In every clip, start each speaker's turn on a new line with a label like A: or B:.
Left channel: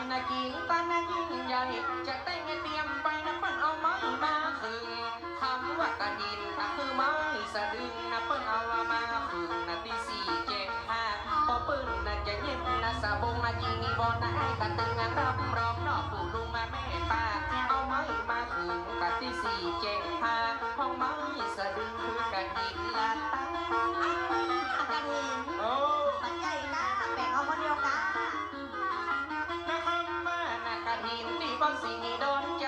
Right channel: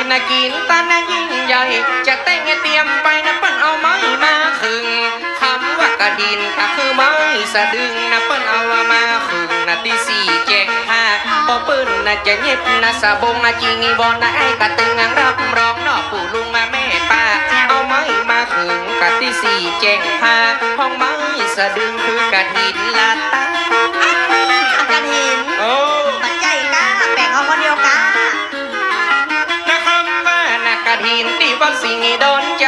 A: ินะกินตานะยิ่งใหญ่ จะแต่งเตรียมไปนะเปิ้นเอาไม้มาขึงคำว่ากระถินก็คือไม้สะดึงนะเปิ้นเอามาขึงนะที่สี่แจกห้าพอเปิ้นนะจะเย็บนะสะบงนะจิงีบอลนะไอ้กระตึงรับรองนอปู่ลุงมาแม่ป้าเอาไม้มาขึงกะที่สี่แจกห้าห้องไม้สะดึงคือกระถินลาตา
B: นักก
A: ระถินที่ว่าสิ่งโดนใจ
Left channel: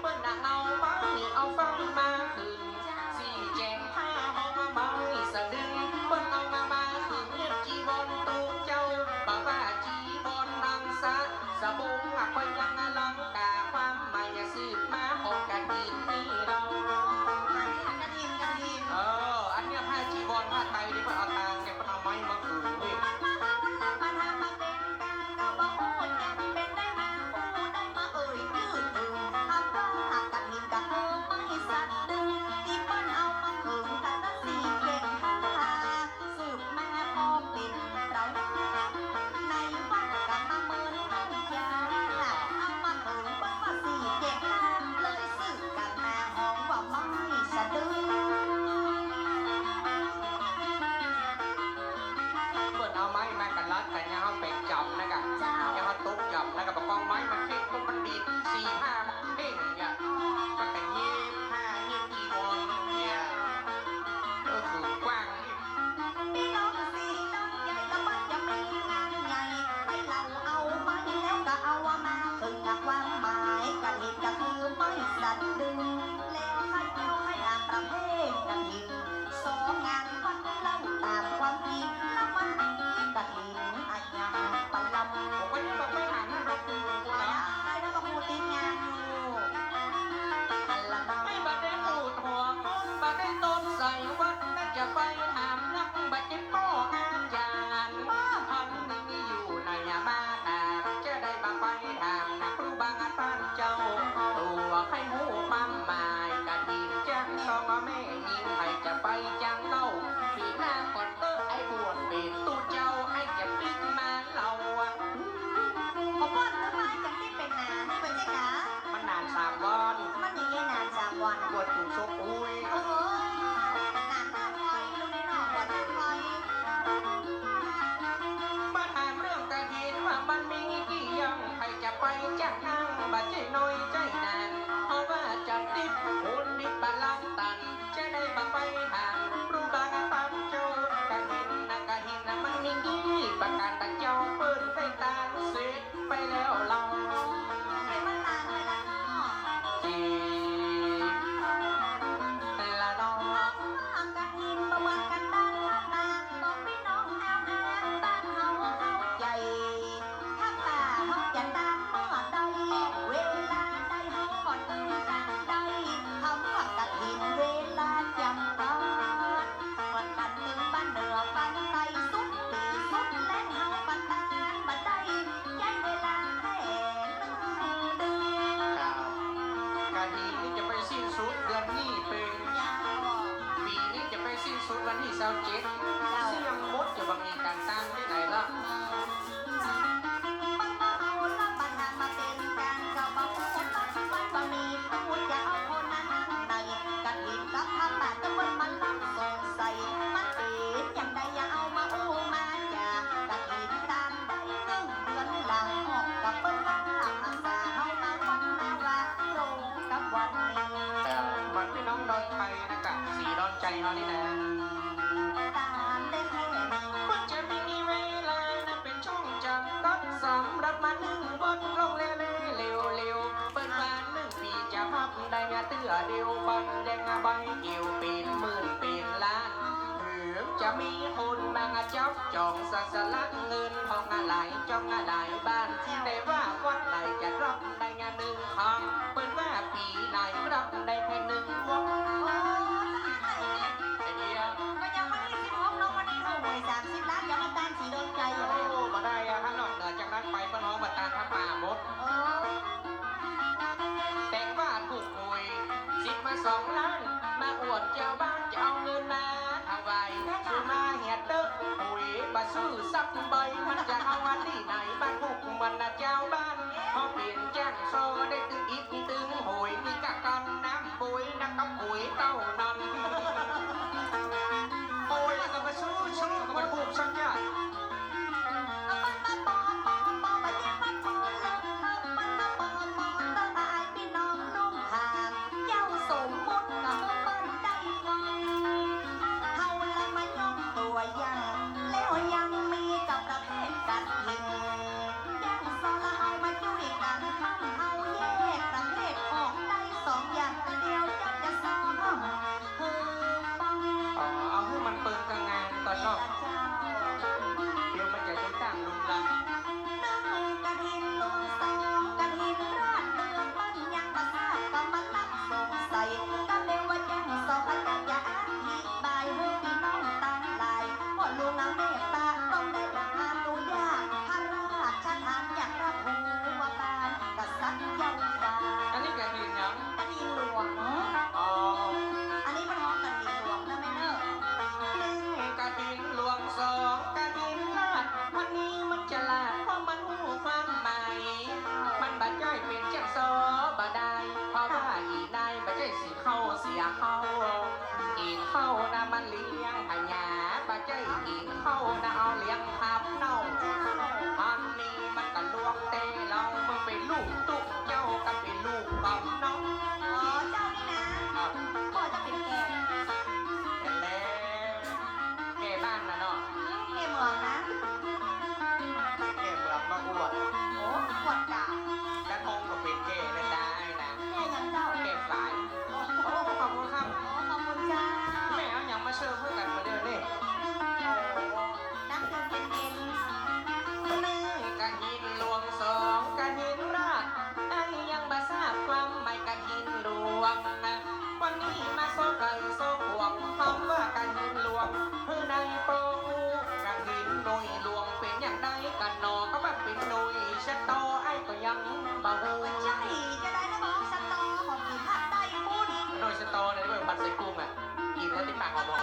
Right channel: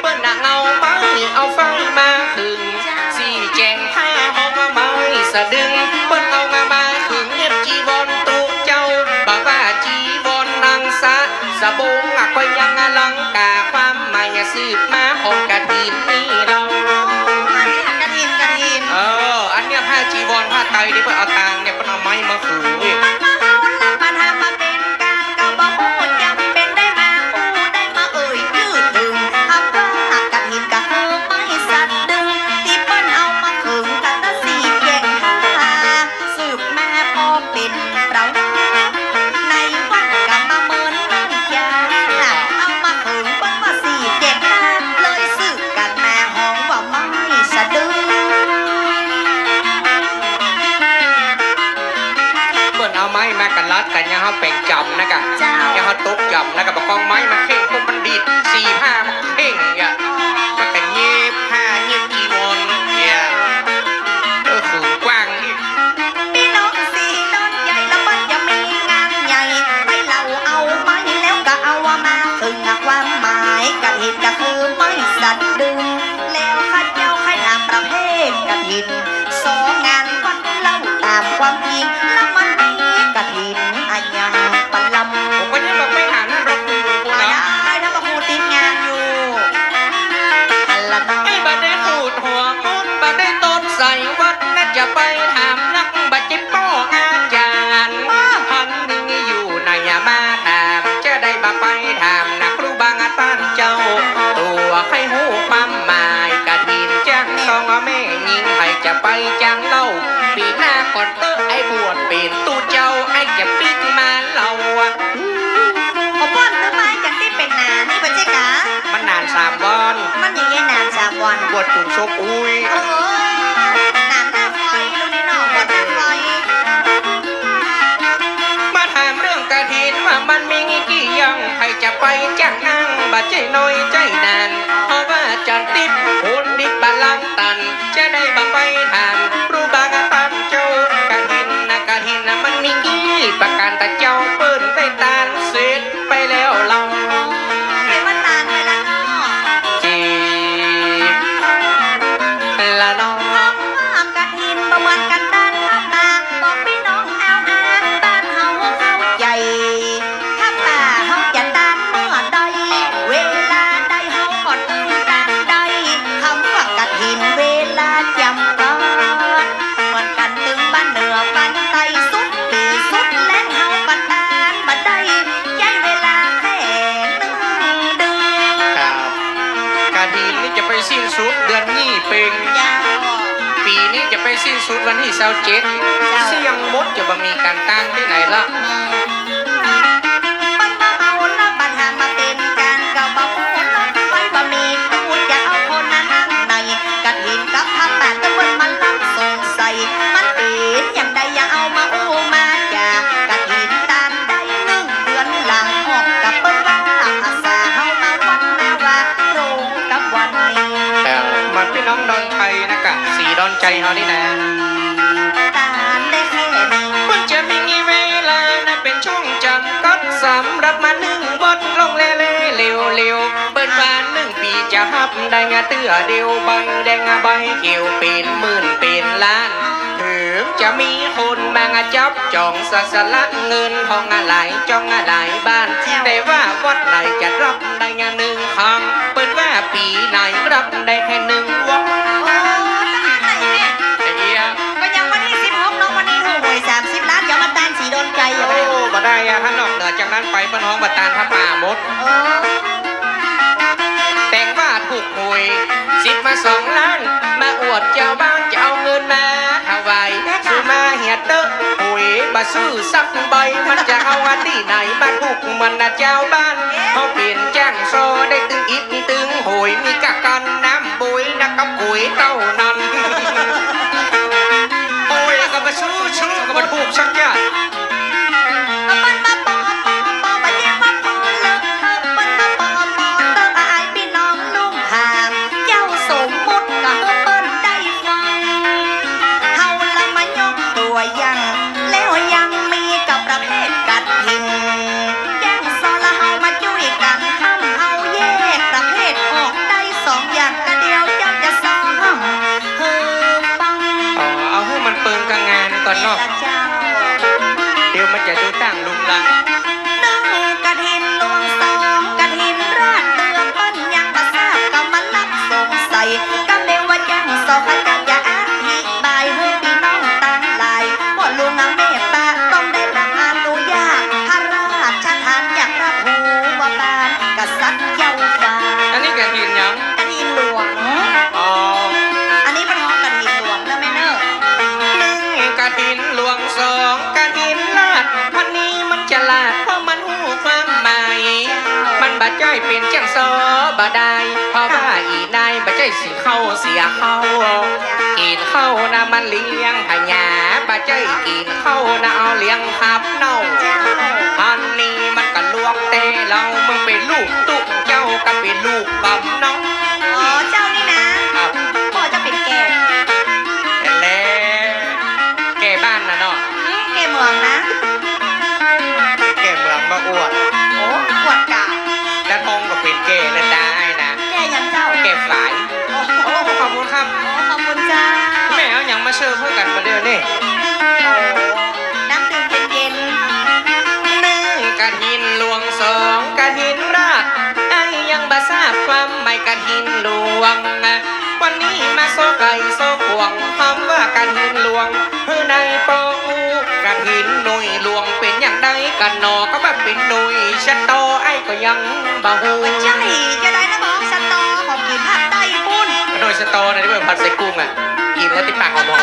A: เปิ้นน่ะเอาไม้เอาไฟมาขึงสี่แจงผ้าห้องไม้สะดึงเปิ้นเอามามาขึงเย็บจีวรตุกเจ้าบอกว่าจีวรนางสะสะบงอะก็ยังอลังกาความหมายสืบมาของกระถินนี่เรา
B: กันเห็นกันเห็น
A: เอออันเนี้ยผ้าจีวรผ้าไตรที่เปิ้นเอาตางเนี่ยเปิ้นเอาไม้มาขึง
B: ม้มากันลัด
A: กันยังเฮาแป่งจำนะกะ
B: เจ้า
A: ยังเฮาตกจำนะกะบอกกองไม้มาเข่งพวกมันดีดสี่ผ้ามันเข่งอย่ามันก็เย็บผ้าเย็บจีวรเนี่ยเออขือกว้างอีก
B: พี่น้องสี่น้องใหญ่แล้วมันจะมีงานใหญ่ให้เราเอาไม้แล้วก็เอามาถึงความหมายกันเห็นก็คือไม่สัตว์ดึง แล้วข้าเจ้าให้นามประเภทกันหินสองงานวัดเล่าตามความจริงแล้วมันมีกัน
A: ไปถามนักบัจิป้ออาจารย์พันหนึ่งอยู่ในยามาถามจะได้บ่ไปถามนักครูบางอาจารย์เจ้า ตัวใครหูความหมายกะดินจังต้องแม่ยิงให้จะไปจังเล่าปีหน้าก่อนเตอไอ้บวชเป็นตัว
B: สิ้น
A: สุ
B: ดเดือนนี้เป็น
A: ปีนี้จะไปสิ้นสุดวันที่เสาเจ็ดเสี่ยงมดจะบ่มีการตั้งที่ไหนละ
B: นใจเฮานี่นะตามได้แค่นี้
A: มันจะมีเวลานะเป็นช่วงจำกัดสำหรับมาหนึ่งบทลงเล่เล่เร็วเร็วเปิดวานหนึ่งปีจะฮับได้งาเตือเดียวใบแดงใบเขียวเป็นหมื่นเป็นล้านถึงจะมีคนมางจับจองสะสลัดเงินทองอะไรจ้องอะไรบ้าน แต่ว่าวัดไหนจะรับได้งานหนึ่งครั้ง
B: จา
A: กนั้นไปเปิ้นห้องบัตานพระป่าหมด
B: เออ
A: แต่งว่าถูกหวยสิบมาสองล้าน มาอวดเจ้าบ้านจะเอาเงินมาถวายซื้อมาเหียดเตอะหวยบาซื้อสักใบมันจะเอาอันที่ไหนมาถูกมันนะเจ้าบ้านเขาเปลี่ยนแจ้งโซได้ตึงอิดตึงโหยมีกะกันน้ำบุยนักกับกุยเต้านั้นโอ้ยก็มาซื้อซื้อก็มาถูกสักอย่าง
B: เดี๋ยวมันจะดู
A: ตั้งลุงลังา
B: ดใจ
A: อย
B: เป็น
A: จังซอบ่ได้เพราะว่าอีนายบ่ใจสิเข้าเสียเข้ากินเข้านะมันเลี้ยงพญาบ่ใจกินเข้านะเอาเลี้ยงขับเน่าอันนี้มันก็ลวกเตะเรามึงเป็นลูกตุ๊กเจ้าก็เป็นลูกกำน้อง
B: ม่
A: เอาอย่างมาเชิญเพื่อกันมาเดือนนี่
B: โอ้น้ำดื่มเย็น
A: หนึ่งกระถินหลวงสองกระถินราชไอ้ยังบาทราบความไม่กระถินหลวง วันนี้มาโซไก่โซขวงคำว่ากระถินหลวงเพื่อในโปอูกระถินหน่วยหลวงเป็นอย่างใดกันหนอก็แบบเป็นหน่วยชัดโตไอ้ก็ยังบ่หู
B: ๆหัวใจ
A: สตอร์นะที่เป็นผัดใส่กุ้งอะกินแล้วติดปากหอม